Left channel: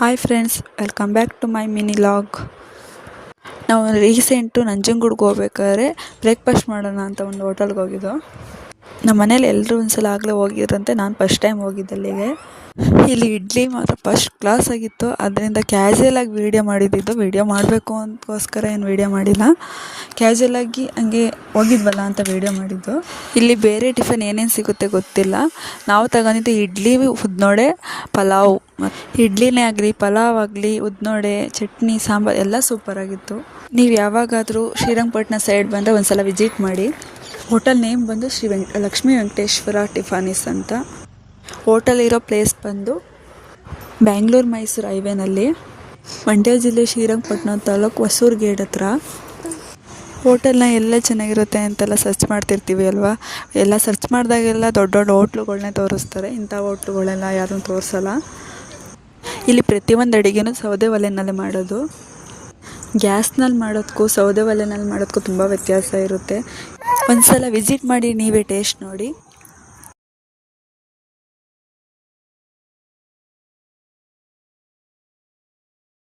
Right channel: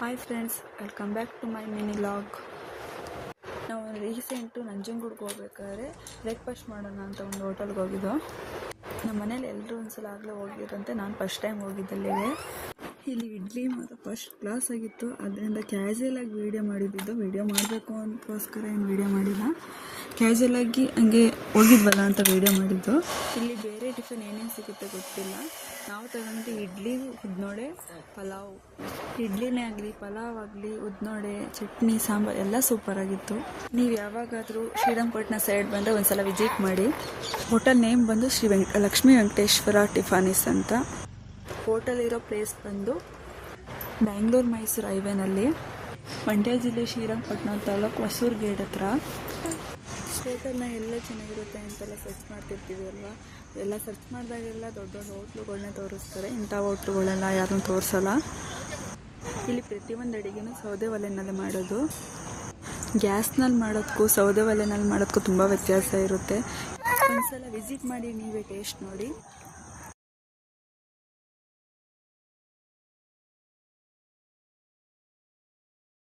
Hi friends, welcome back to my mini log. ನಾವು recent ನಂಜನಗೂಡ್ಗೆ ಹೋಗ್ಬೇಕಾದ್ರೆ ಬ್ರೇಕ್ಫಾಸ್ಟ್ ಮಾಡೋಣ ಅಂತ ಒಂದು ಹೋಟೆಲ್ಗೆ ಹೋಗಿದ್ದು. ನಮ್ಮ ಮನೇಲಿ ಎಲ್ಲರೂ ಒಂದ್ಸಲ ಆಗಲೇ ಹೋಗಿದ್ರಂತೆ, ನಾನು ಫಸ್ಟ್ ಟೈಮ್ ಹೋಗಿದ್ದಲ್ಲಿಗೆ. ಇಲ್ಲಿ ಇಡ್ಲಿ ಮಾತ್ರ ಫಸ್ಟ್ ಕ್ಲಾಸ್ ಆಗಿತ್ತು. ಅದರಿಂದ ಕ್ಯಾಶುಯಲಾಗಿ ವೀಡಿಯೋ ಮಾಡಿದ್ದು, ವೀಡಿಯೋ ಮಾಡಬೇಕು ಅಂತಗೋಸ್ಕರ ಏನು ವೀಡಿಯೋ ಮಾಡಿಲ್ಲ, ಕ್ಯಾಶುಯಲಾಗಿ ಹಂಗೆ ಹೋಗಿದ್ವಲ್ಲ ಅಂತ ವೀಡಿಯೋ ಮಾಡಿದ್ದು. ಇಲ್ಲಿ ಬೇರೆ ಟಿಫನ್ ಏನೇನು ಸಿಗುತ್ತೆ ಗೊತ್ತಿಲ್ಲ. ನಾವು ತಗೊಂಡಿದ್ದು ಇಡ್ಲಿ, ಉದ್ನೋಡೆ, ಪಲಾವ್. ಇಡ್ಲಿನೇ ಆಗಲಿ, ಪಲಾವ್ ಆಗಲಿ, ಉದ್ನೋಡೆ, ಚಟ್ನಿ, ಸಾಂಬಾರು ಎಲ್ಲ ಸೂಪರಾಗಿತ್ತು. ನೀವು ಯಾವಾಗಾದರೂ ಶ್ರೀರಂಗಪಟ್ಟಣ ಸೈಡ್ ಬಂದರೆ ಒಂದ್ಸಲ ವಿಸಿಟ್ ಮಾಡಿ. ಹೋಟೆಲ್ ನೇಮ್ ಬಂದು ಲಕ್ಷ್ಮೀ ವೆಂಕಟೇಶ್ವರ ಟಿಫಾನಿಸ್ ಅಂತ. ಹೋಟೆಲ್ ಇರೋ ಪ್ಲೇಸ್ ಬಂದು ಬ್ಯಾಂಗ್ಳೂರು ಮೈಸೂರು ಹೈವೇನಲ್ಲಿ, ಮಂಡ್ಯ ಜಿಲ್ಲೆ ಶ್ರೀರಂಗಪಟ್ಟಣ ತಾಲೂಕು ಹೊಸೂರು ಗೇಟ್ ಹತ್ರ. ಹೋಟೆಲ್ನ ಎಲ್ಲ ಚೆನ್ನಾಗಿರುತ್ತೆ ಅಂತೆಲ್ಲ ಸರ್ಚ್ ಮಾಡ್ತಿರ್ತೀವಿ ಅಲ್ವಾ. ಎಲ್ಲ ಸರ್ಚ್ ಮಾಡಿದಾಗೆಲ್ಲ ದೊಡ್ಡ ದೊಡ್ಡ ಹೋಟ್ಲುಗಳನ್ನೇ ತೋರಿಸ್ತಾರೆ, ಇಂಥ ಹೋಟ್ಲುಗಳೆಲ್ಲ ಯಾರನ್ನೂ ತೋರಿಸಲ್ಲ. ಇಲ್ಲಿ ಪ್ರತಿಯೊಂದು ಅಡುಗೆನೂ ಸೌದೆ ಒಲೆಯಲ್ಲೇ ಮಾಡೋದು. ಗ್ಯಾಸ್ನಲ್ಲಿ ಮಾಡೋದಕ್ಕೂ ಸೌದೆ ಒಲೆಯಲ್ಲಿ ಮಾಡೋದಕ್ಕೂ ತುಂಬ ವ್ಯತ್ಯಾಸ ಇರುತ್ತೆ. ಒಂದು ಸಲ ವಿಸಿಟ್ ಮಾಡಿ ನೀವೇ ಟೇಸ್ಟ್ ನೋಡಿ.